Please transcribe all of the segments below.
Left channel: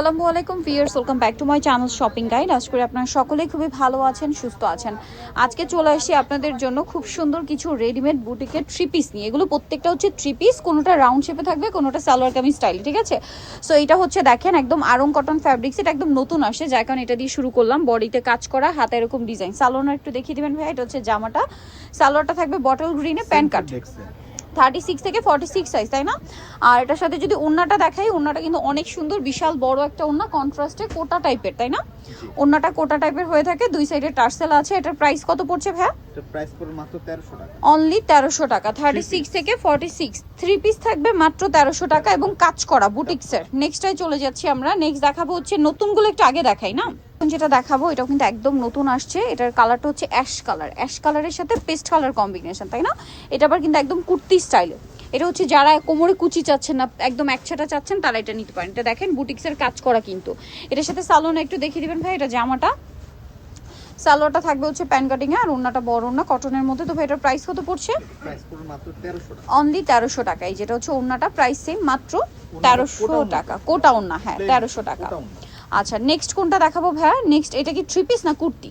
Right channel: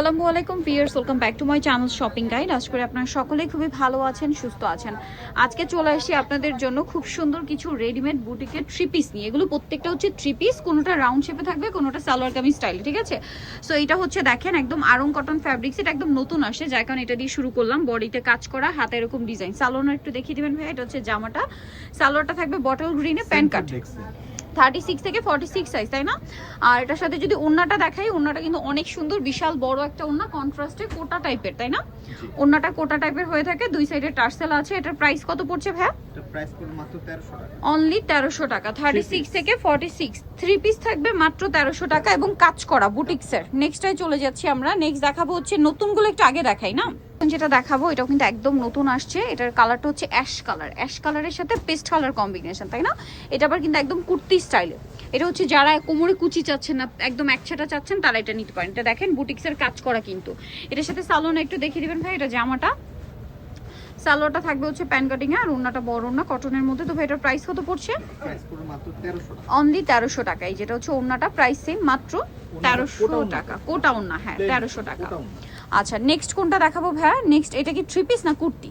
আসসালামু আলাইকুম viewers, welcome back to my channel shopping guide. আশা করি আপনারা সকলেই খুবই ভালো আছেন, সুস্থ আছেন। আজকে চলে আসি আপনাদের জন্য খুব সুন্দর কিছু রেডিমেড বুটিকের থ্রি পিস নিয়ে। এগুলো প্রত্যেকটা হচ্ছে থ্রি পিস, কোনোটা রাউন্ড শেপে থাকবে, কোনোটা সালোয়ার কামিজ স্টাইল, ঠিক আছে? সো এটা হচ্ছে দেখেন একদম আরং কটন ফ্যাব্রিক্স, এটা একদম নতুন আসে, যার কারণে এটা দিয়ে শুরু করলাম। বডিতে কাজ করা, হাতে এরকম ডিজাইন। সালোয়ার একটু দেখিয়ে দিবেন ভাই। এটা হচ্ছে জামাটা, সালোয়ারটা থাকবে বটল গ্রিনে, প্যান্ট কাট 36 থেকে 46 সাইজ, তাই না? আর এটার সাথে যদি ওন্নাটা দেখাই, ওন্নাটা কিন্তু অনেক সুন্দর, বিশাল বড় একটা ওন্না, কন্ট্রাস্টে কোটা টাইপের, তাই না? ওন্নাটা কোটা টাইপের হয়ে থাকে, দুই সাইডে টার্সেল আছে। এটার প্রাইস কত পড়ছে ভাই? এটা প্রাইস পড়বে মাত্র 1300 টাকা। অনলি 1300 টাকা। 36 থেকে 46 থ্রি পিস থাকবে মাত্র 1300 টাকা এবং কাজ করা বুটিক্সের। নেক্সটটাই চলে যাচ্ছি আমরা। নেক্সট দেখাবো হচ্ছে নতুনগুলো, একটু আগে দেখাই না? যেটা দেখাবো এটাও কিন্তু একদম নতুন আসছে। এটার কালারটা হচ্ছে অ্যাশ কালার, অ্যাশ কালারের সাথে পেস্ট কালার কম্বিনেশন, তাই না? এটা আবার কিন্তু একদম কুর্তি স্টাইলে। এটা হচ্ছে যারা কোমরে কুচি চাচ্ছেন না, একদম একছাটা চাচ্ছেন, তারা এটা নিতে পারেন। এটা দেখেন বুটিক্সের কাজ করা কিন্তু। এটার সাথে সালোয়ার একটু দেখিয়ে দিবেন ভাই। এটা জামাটা, সালোয়ারটা থাকবে হচ্ছে প্যান কাটিং এ, আর ওন্নাটা বড় ওন্না কটনের মধ্যে। তো ভাই এটার প্রাইস কত পড়ছে? প্রাইস পড়বে মাত্র 1300 টাকা। অনলি 1300 টাকা। এই যেটা হচ্ছে ওন্নাটা, প্রাইস সেম, মাত্র 1300 টাকা। কোটা ওন্না, হ্যাঁ 1300 টাকা। আচ্ছা নেক্সট কোনটা দেখাবো ভাইয়া? নেক্সট এটা কি থ্রি পিস না কুর্তি?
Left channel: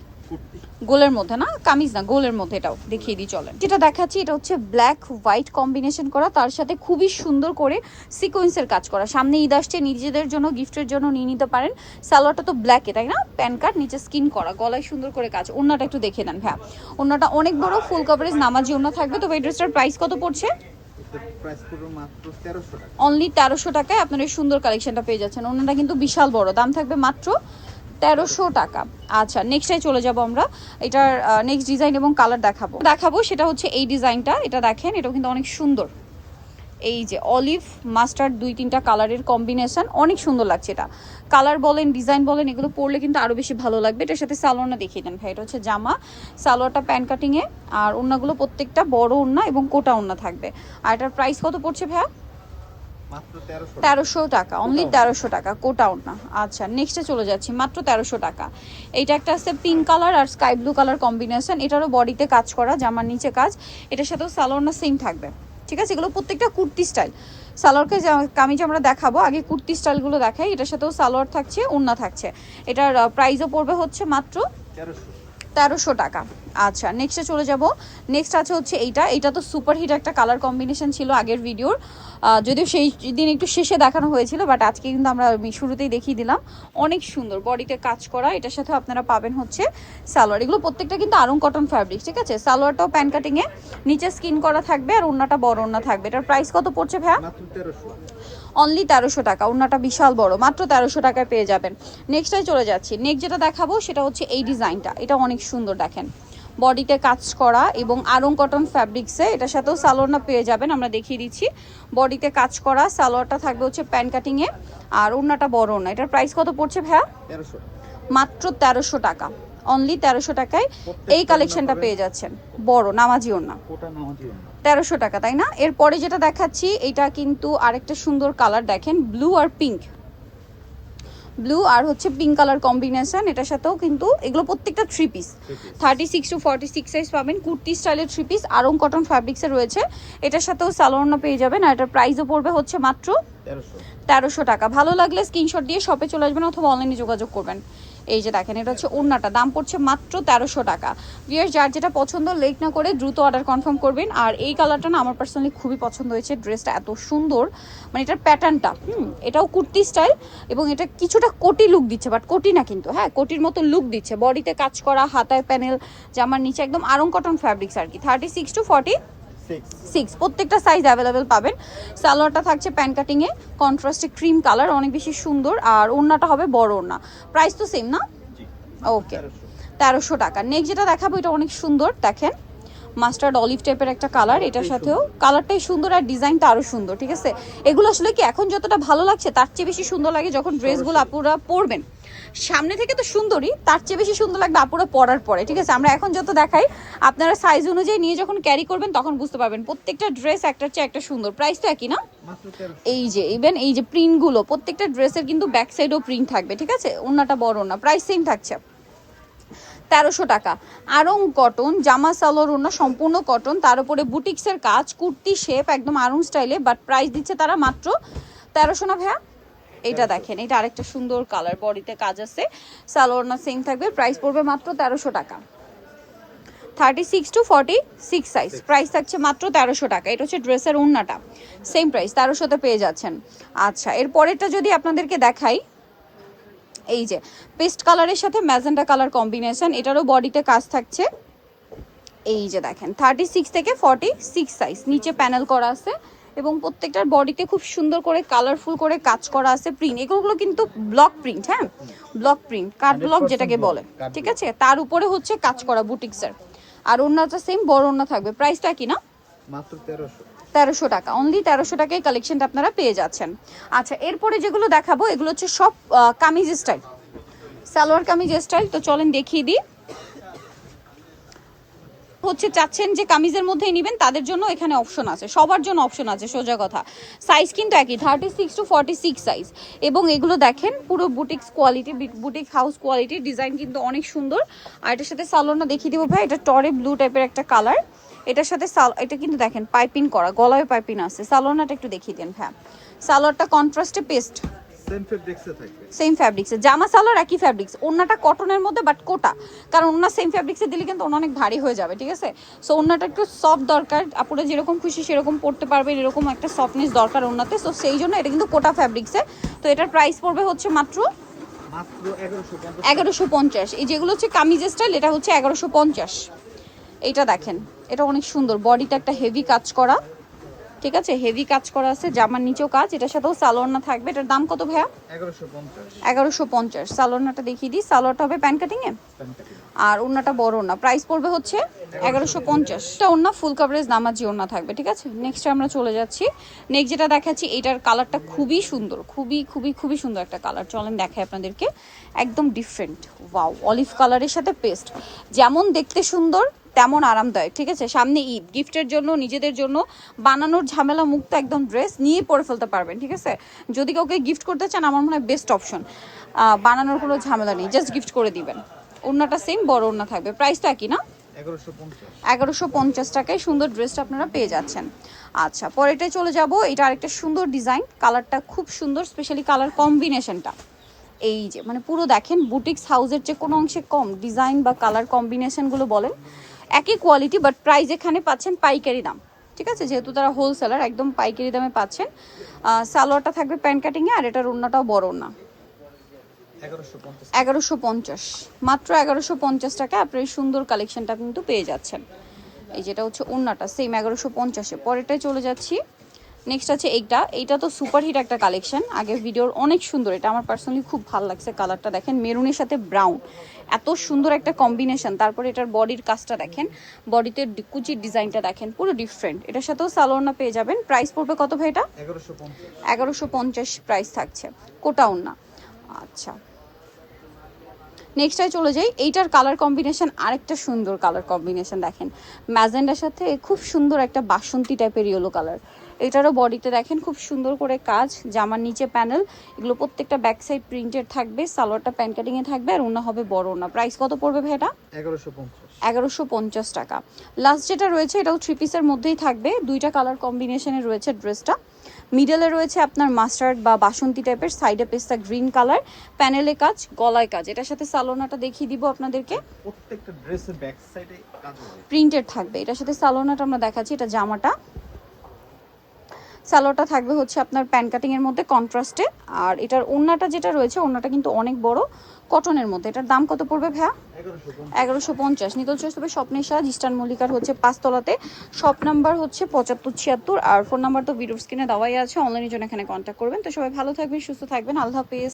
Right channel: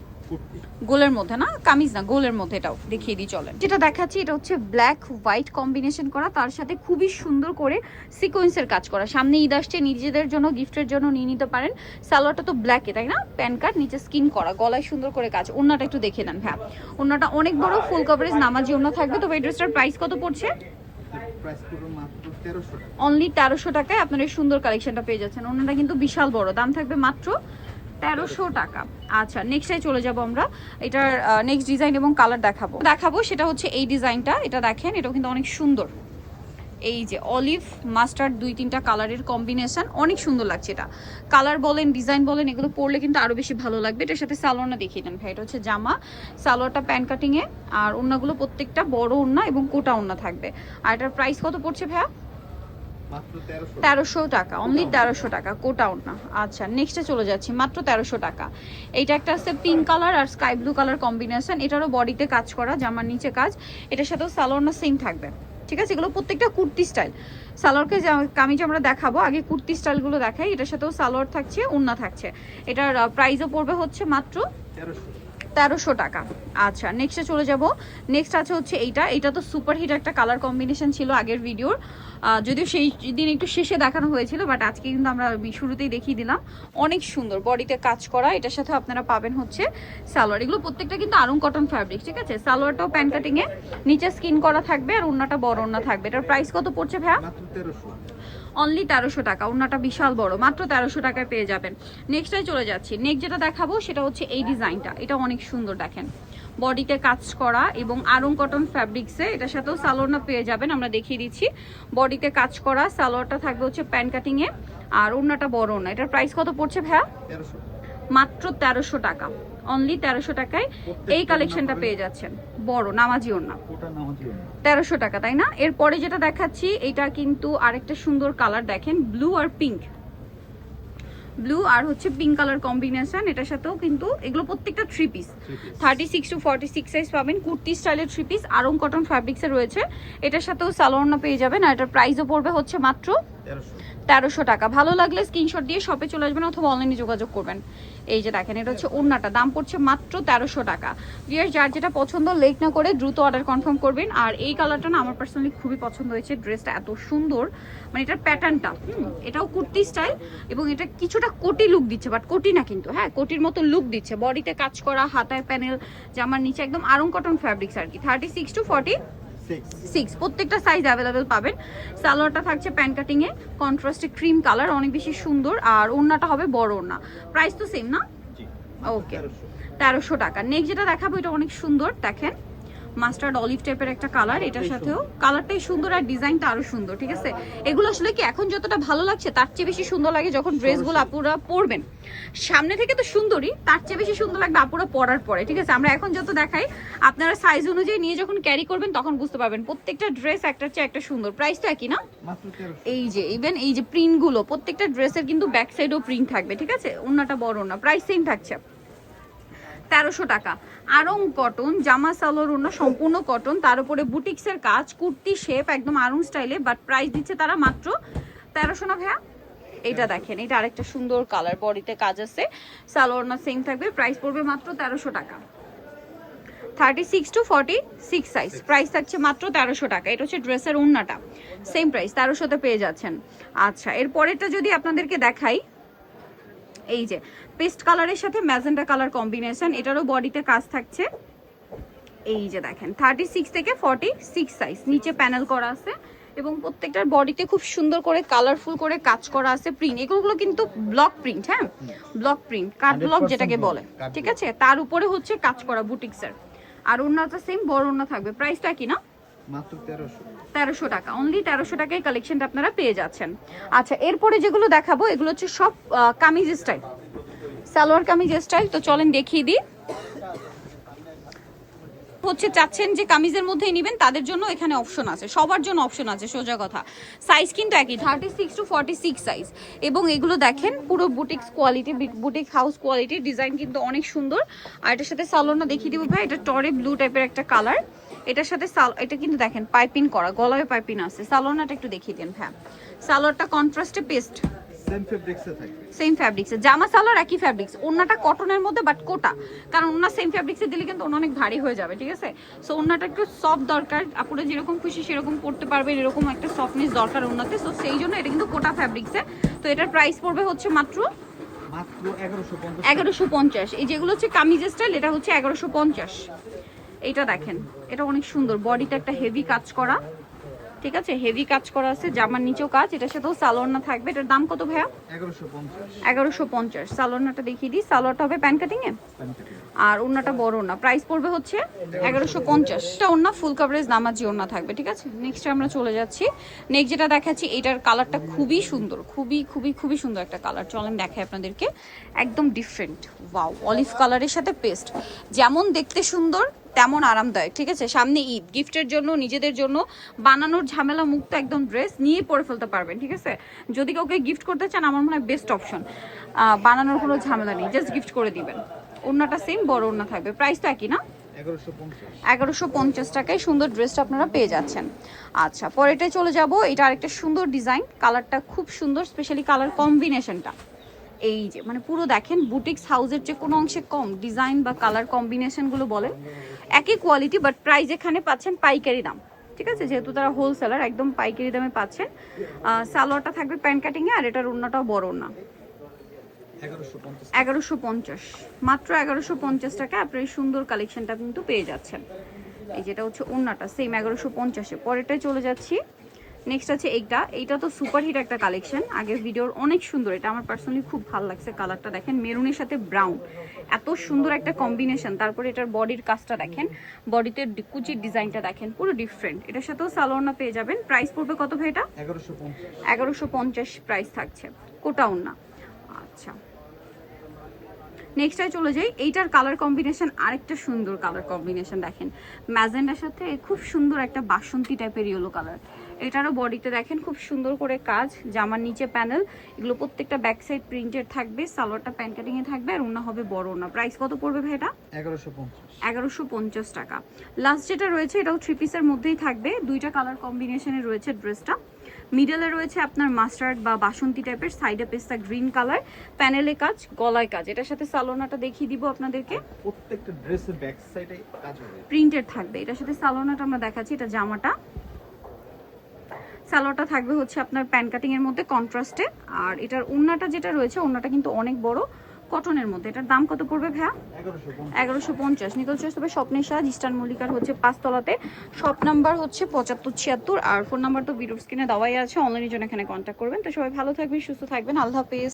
গোলের মধ্যে না, কামিজ না, গোলের মধ্যে। এটাও দেখিয়ে দিই চলেন। যেটা দেখাচ্ছি এটা হচ্ছে ব্ল্যাক হোয়াইট কম্বিনেশন করা, তার সাথে খুবই সুন্দর করে সিকোয়েন্সের কাজ করা। সামনে ঈদ আসছে, নিজেদের জন্য গিফটের জন্য নিয়ে নিতে পারেন। সালোয়ারটা তো ব্ল্যাকে, তাই না? প্যান কাট, নিচে স্কিন করা, গলায় সুন্দর করে কাজ। ওন্নাটা একটু দেখে নেন ভাইয়া। ওন্নাটা অনেক বড়, ফুল কভারেজ নামাজি ওন্না থাকবে। তবে এই ড্রেসটার প্রাইস কত পড়ছে? প্রাইস পড়বে মাত্র 1300 টাকা। অনলি 1300 টাকায় আপনারা এই সুন্দর কালেকশনটা পেয়ে যাচ্ছেন। ওন্নাটা কিন্তু বিশাল বড়, দাম থাকবে মাত্র 1300 টাকা। আচ্ছা নেক্সটে চলে যাব আমরা। এটার নেক্সট ডিজাইন এবং কালার দেখাবো সেটা হচ্ছে এই ডিজাইনটা। এটা দেখেন, এটা কিন্তু অনেক সুন্দর। এই যে অলিভ মাস্টার্ড, দুই তিনটা কালারের কম্বিনেশন, অনেক সুন্দর লাগছে। এটা কালার বলেন, ডিজাইন বলেন, এগুলো পরলে কিন্তু আরো বেশি ভালো লাগবে। এটার সাথে সালোয়ারটা দেখিয়ে দেন ভাই। এটা হচ্ছে জামা, সালোয়ারটা প্যান কাটিং এ, আর ওন্নাগুলো প্রত্যেকটা বড় ওন্না এবং কোটা ওন্না থাকবে। আর এটার প্রাইস কত পড়ছে ভাইয়া? মাত্র 1300 টাকা। অনলি 1300 টাকা, কোটা ওন্না। আচ্ছা নেক্সটে চলে যাচ্ছি, মাত্র 1300 টাকা। এইটা একটা আছে পিঙ্ক কালার আর স্কাই ব্লু কালার কম্বিনেশন। এটারও বডিতে কাজ করা, জামার নিচে কাজ। এটার সাথেও সালোয়ার সেম থাকবে, ঠিক আছে? এগুলো প্রত্যেকটা কুর্তি স্টাইল। সালোয়ারকে কামিজ আমরা দেখাবো, আগে কুর্তি স্টাইলগুলো দেখাই। এটার সাথেও সালোয়ার থাকছে, ওন্না থাকছে। এটার প্রাইসও পড়বে হচ্ছে মাত্র 1300 টাকা। আচ্ছা নেক্সটে চলে যাব। নেক্সট আছে হচ্ছে এইটা তো সুপার হিট একটা কালার কম্বিনেশন ছিল আগের ভিডিওর, যদিও সেই দিন একটু শেষে দেখানো হয়েছিল, বাট আজকে কিন্তু আমরা শুরুতেই দেখিয়ে দিলাম। অনেক সুন্দর বডিতে কাজ করা। এটার সাথে আপনারা পাবেন হচ্ছে সালোয়ার। এগুলো প্রত্যেকটা কিন্তু আরং কটন ফ্যাব্রিক, ঠিক আছে? সালোয়ারটাও প্যান কাটিং এ, নিচে স্কিন করা থাকবে, আর ওন্নাটা বড় ওন্না থাকবে। এটার প্রাইস কত পড়ছে ভাইয়া? মাত্র 1300। অনলি 1300 টাকা। ওন্নাটা বিশাল বড়, মাত্র 1300 টাকায় পেয়ে যাবেন। নেক্সটে চলে যাচ্ছি। নেক্সট যেটা দেখাবো সেটা হচ্ছে এই ডিজাইনটা। এটা অনেক সুন্দর, দেখেন বডিতে কাজ করা এবং আরং কটন ফ্যাব্রিক্সে। এটার সাথেও সালোয়ারটা পেয়ে যাবেন, আমরা দেখিয়ে দিচ্ছি। বডিতে কাজ করা, সালোয়ারটা থাকবে হচ্ছে প্যান কাটিং এ, আর ওন্নাটা বড় ওন্না। এটার প্রাইস কত পড়ছে ভাইয়া? 1300 টাকা। মাত্র 1300 টাকা। অনলি 1300 টাকায় এই কালেকশনটা পেয়ে যাচ্ছেন, বড় নামাজি ওন্না। কোটা নামাজি ওন্না 1300 টাকা, তাই না? এরপরে যেটা দেখাচ্ছি এটা কিন্তু আরেকটা সুন্দর কালার, দেখেন ব্লু আর পিঙ্ক, ব্লু আর হচ্ছে পিঙ্ক কালার কম্বিনেশন। এটার সাথেও কিন্তু এগুলো প্রত্যেকটা থ্রি পিস, 36 টু 46 সাইজ পাবেন। কুর্তি স্টাইলের থ্রি পিস, আরং কটন ফ্যাব্রিক্সে রয়েছে। এটার সাথেও সালোয়ারটা পেয়ে যাবেন। আর এটার প্রাইসও পড়বে হচ্ছে মাত্র 1300 টাকা। ভালো লাগলে স্ক্রিনশট দিয়ে শপে চলে আসবেন অথবা অনলাইনে যোগাযোগ করবেন। এই যে দেখেন, এটা হচ্ছে ওন্নাটা, দাম পড়ছে মাত্র 1300 টাকা। ভিউয়ার্স যার যেটা পছন্দ লেট না করে দ্রুত অর্ডার কনফার্ম করবেন। আর এই কালারটা না আমার পার্সোনালি খুবই পছন্দ হয়েছে। ড্রেসটা এত সুন্দর, মানে এটার প্যাটার্নটা, এটাও কুর্তি স্টাইল এবং এটা কিছুটা কোটি লুক দিচ্ছে, বাট কোটি না কিন্তু, হ্যাঁ কোটির মতো লুক দিচ্ছে। বডিতে কাজ করা, হাতায় প্যানেল, জামার নিচে একদম আরং কটন ফ্যাব্রিক্স আর কি। 36 টু 46 প্রত্যেকটা সাইজ অ্যাভেলেবেল পাবেন। সালোয়ারটা থাকছে প্যান কাটিং এ, কন্ট্রাস্টে ক্রিম কালার, অনেক বেশি সুন্দর। আর ওন্নাটা হবে বড় ওন্না। প্রাইস তো সেম না? ওকে 1300 টাকা। নেক্সট যেটা দেখাবো এটা অনেক সুন্দর, দেখেন মাস্টার্ড অলিভ টাইপের একটা কালার। এটার সাথেও কালারটাই সুন্দর আর ডিজাইনটা আরো সুন্দর, ঠিক আছে? এগুলো আসলে কি এখন যতটা ভালো লাগছে তার চেয়ে বেশি সুন্দর লাগে যখন ড্রেসগুলো আপুরা পরবেন। সামনে থেকে তো সুন্দরই, তার চেয়ে বেশি সুন্দর লাগবে আপুরা পরার পরে, ঠিক আছে? আমরা এখন যত দেখাই, আপনারা সাইজ অনুযায়ী নিয়ে যখন ক্যারি করবেন তখন বুঝতে পারবেন প্রত্যেকটা ড্রেস একটার চেয়ে একটা সুন্দর। প্রাইস তো একই না? এই যে ইভেন এই যে প্রিন্টগুলো, প্রত্যেকটা ড্রেসের কিন্তু ব্যাক সাইডও প্রিন্ট থাকবে, ঠিক আছে? ওন্নাটা বড় না, প্রাইস সেম থাকছে 1300 টাকা। আরং কটন, জামা সালোয়ার ওন্না সম্পূর্ণ কটন, তার উপরে বুটিক্সের কাজ, কুর্তি শেপ একদম আরং স্টাইলে, বাট প্রাইস দিচ্ছে তারা মাত্র 1300 না ভাইয়া? এটা দেখেন, এটা আরেকটা সুন্দর কালার, বডিতে কাজ আছে, সালোয়ার না সেম থাকবে, প্রাইস পড়বে মাত্র 1300 টাকা। 36 to 46 সাইজ, প্রাইস থাকছে মাত্র 1300 টাকা। এটা হচ্ছে ড্রেসের ওড়নাটা, সেম প্রাইস 1300-তে পেয়ে যাচ্ছেন। আচ্ছা, এর পরেরটা যদি আপনাদেরকে দেখাই, এই যে পেস্ট কালারের সাথে ম্যাজেন্টা কালার কম্বিনেশন, এটারও বডিতে কাজ থাকছে। এই যে দেখেন 36 থেকে 46 সাইজ, নিচে প্যানেল করা আছে এবং প্রত্যেকটার বডিতে খুব সুন্দর করে কালারফুল করে কাজ করা আছে। প্রিন্ট, এগুলো কিন্তু ব্লক প্রিন্ট, হ্যাঁ ব্লক প্রিন্ট, কাট ব্লক যেটাকে বলে, ঠিক আছে। তার উপরে হচ্ছে কাজ করা বুটিক্সের, আর ওড়নাটা সেম বড় ওড়না থাকবে। প্রাইসটা কি না মাত্র 1300 টাকা, অনলি 1300 টাকায় কালেকশনটা আপনারা পেয়ে যাচ্ছেন। আচ্ছা, এরপরে যেগুলো দেখাবো এগুলো হচ্ছে সব কামিজ স্টাইল, সালোয়ার কামিজ স্টাইল। তো চলেন দেখিয়ে দিই। হচ্ছে চাচ্ছেন যে কামিজের মধ্যেই নেবেন, তাদের জন্য এখানে অপশন আছে, সবার জন্য অপশন আছে, সোজা কথা। সাইজ কিন্তু একই, 36 to 46 সাইজ। এবং এগুলো দেখেন পুরো boutiques quality, boutique house quality, design কিন্তু অনেক সুন্দর। আর এটার সাথে সালোয়ারটা দেখিয়ে দিব ভাই, এটা টরে ব্লু টাইপের একটা কালার। এটার সাথে এটা কিন্তু দেখেন পাইপিং করা, গলায় পাইপিং আছে। সালোয়ারটা একটু দেখিয়ে দেন ভাই। সালোয়ারটা কন্ট্রাস্টে পেস্ট, সেম ফেব্রিক্সে থাকবে, সেম ফ্যাব্রিক্সে, জামা সালোয়ার একই ফ্যাব্রিক্স, ওড়নাটা কটনের মধ্যে বাট কোটা, কারণ ওড়না সেম ফ্যাব্রিক্সে দিলে কিন্তু ওড়না অনেক ভারী হয়ে যাবে, ঠিক আছে। সো ওড়নাটা একটু সফট দরকার, আপুরা যেরকম খুশি সেরকম পড়তে পারবেন, এরকম একটা সফটনেস দরকার ওড়নাতে। সো সেই জন্য এটা কিন্তু কোটা ফ্যাব্রিক্সে। তো এটার প্রাইস পড়বে হচ্ছে মাত্র 1150। এই যেগুলো হচ্ছে কামিজ স্টাইল, এটা হচ্ছে 1150। এইটা দেখেন, এটা অনেক সুন্দর, বডিতে একটা হেভি কাজ করা, ঠিক আছে, হেভি কাজ করা আছে, জামার নিচেও কাজ, এটার সাথেও সালোয়ারনা থাকবে। এটার দাম কত ভাইয়া? 1150। সালোয়ারনাটা দেখিয়ে দিই, সালোয়ারটা হবে প্যান কাটিং এ, আর ওড়নাটা বড় ওড়না, প্রাইস পড়বে হচ্ছে 1150। এটা ওড়না ফুল কভারেজ নামাজি ওড়না থাকবে, ঠিক আছে। নেক্সট আমরা চলে যাচ্ছি। নেক্সট যেটা দেখাচ্ছি, এটার কালারটা খুবই সুন্দর, খুবই খুবই খুবই সুন্দর একটা কালার। চলেন দেখাই আপনাদেরকে, একদম ডিফারেন্ট, ওয়াও, অলিভ কালারের সাথে পেস্ট, যেমন দেখতে সুন্দর তেমন আরামদায়ক, ঠিক আছে। সামনে ঈদ, গিফটের জন্য, নিজেদের জন্য বানানোর ঝামেলা মুক্ত একদম ড্রেস নিয়ে পরে ফেলতে পারবেন, ঠিক আছে। যদি কাউকে গিফট করতে চান, আমার মনে হয় বেস্ট অপশন, বানানোর কোনো ঝামেলা নেই, জাস্ট গিফট করে দিবেন। ওড়নাটা সেম বড় ওড়না থাকবে, প্রাইসটা কি না 1150 টাকায় সুন্দর ড্রেসটা আপনারা পেয়ে যাচ্ছেন। আচ্ছা, পরেরটায় চলে যাব। এটা আরেকটা সুন্দর ডিজাইন, কালারটা খুব সুন্দর, স্পেশালি কালার কম্বিনেশনটা এই যে, মানে পুরো দেখেন বুটিক্স হাউসের যে কোনো অংশে কম, ডিজাইন বা কালার কম্বিনেশনগুলো বলেন একই কোয়ালিটি, বাট প্রাইস এখানে পাচ্ছেন পাইকারি দাম, ঠিক আছে, যেহেতু তারা হোলসেলার, একদম পাইকারি দামে পাচ্ছেন। সালোয়ারটা থাকবে প্যান্ট কাটিংয়ে, আর এটার ওড়নাটাও বড় ওড়না। 1150, মাত্র 1150 টাকা আপনার এই সুন্দর কালেকশনটা কিন্তু পেয়ে যাচ্ছেন। এই যেটা হচ্ছে ওড়নাটা সেম 1150-এ। পরেরটায় চলে যাচ্ছি। নেক্সট আছে এইটা তো সুপারহিট একটা কালেকশন, আগের ভিডিওর অনেক সুন্দর, এটা আমার পার্সোনালি খুব ভালো লাগছে। কালারটা দেখেন, মেরুনের সাথে ব্রাউন, এত সুন্দর একটা কম্বিনেশন। তারপরে এটার বডির কাজটা দেখেন, বডিতে কুচির ডিজাইনটা দেখেন, পুরো ডিফারেন্ট। এটার সাথেও সালোয়ারনা পেয়ে যাবেন। প্রাইস পড়বে কত ভাই এটা? 1150 প্রাইস থাকছে, কোটা ওড়না। আচ্ছা, নেক্সটটায় চলে যাই। এইটার কালার কম্বিনেশন আরেকটা সুন্দর কালার কম্বিনেশন দেখেন, ম্যাজেন্ডার সাথে খুব সুন্দর একটা বাসন্তী টাইপের ইয়েলো কালার। এটারও বডিতে দেখেন খুব সুন্দর করে কাজ, জামার নিচে প্যানেল, এগুলো প্রত্যেকটা ব্যাক সাইড প্রিন্টেড থাকবে। সালোয়ারটা প্যান কাটিং এ থাকবে, আর ওড়না হবে বড় ওড়না। প্রাইস কত পড়বে ভাই এটা? 1150 টাকা। লাস্ট যেটা রয়েছে, এটাও থ্রি পিসের মধ্যেই থাকবে, দুইটা কালার কম্বিনেশনে রয়েছে ড্রেসটা। মিডলে রয়েছে আপনার মাস্টার্ড বা বাসন্তী টাইপের, সাইডে পেস্তা গ্রিন কালার, প্যানেলে কাজ, গলায় কাজ। এটার সাথে সালোনাটা দেখিয়ে দিব আপনাদেরকে, প্রত্যেকটা ড্রেসের ব্যাক সাইডে কাজ হবে, প্রিন্টেড থাকবে। এটার সাথে সালোনাটা আমরা দেখাচ্ছি, এটা জামাটা, সালোয়ারটা থাকবে হচ্ছে আপনার প্যান কাটিং এর মধ্যে কন্ট্রাস্টে। আর এটার ওড়নাটা যেটা রয়েছে, ওড়নাটা কিন্তু অনেক বড়, কটনের মধ্যে। এটার দাম কত পড়বে ভাইয়া? 1150। নিতল চয়েস হবে স্বপ্নের সাজ, ইস্টার্ন মল্লিকার হচ্ছে 5 তলাতে। শপ নাম্বার হচ্ছে 7576, আর ফোন নাম্বার তো ভিডিও স্ক্রিনে দেওয়াই আছে। অনলাইনের জন্য এখানে কন্ট্যাক্ট করবেন। তো সবাই ভালো থাকবেন, সুস্থ থাকবেন, আল্লাহ হাফেজ।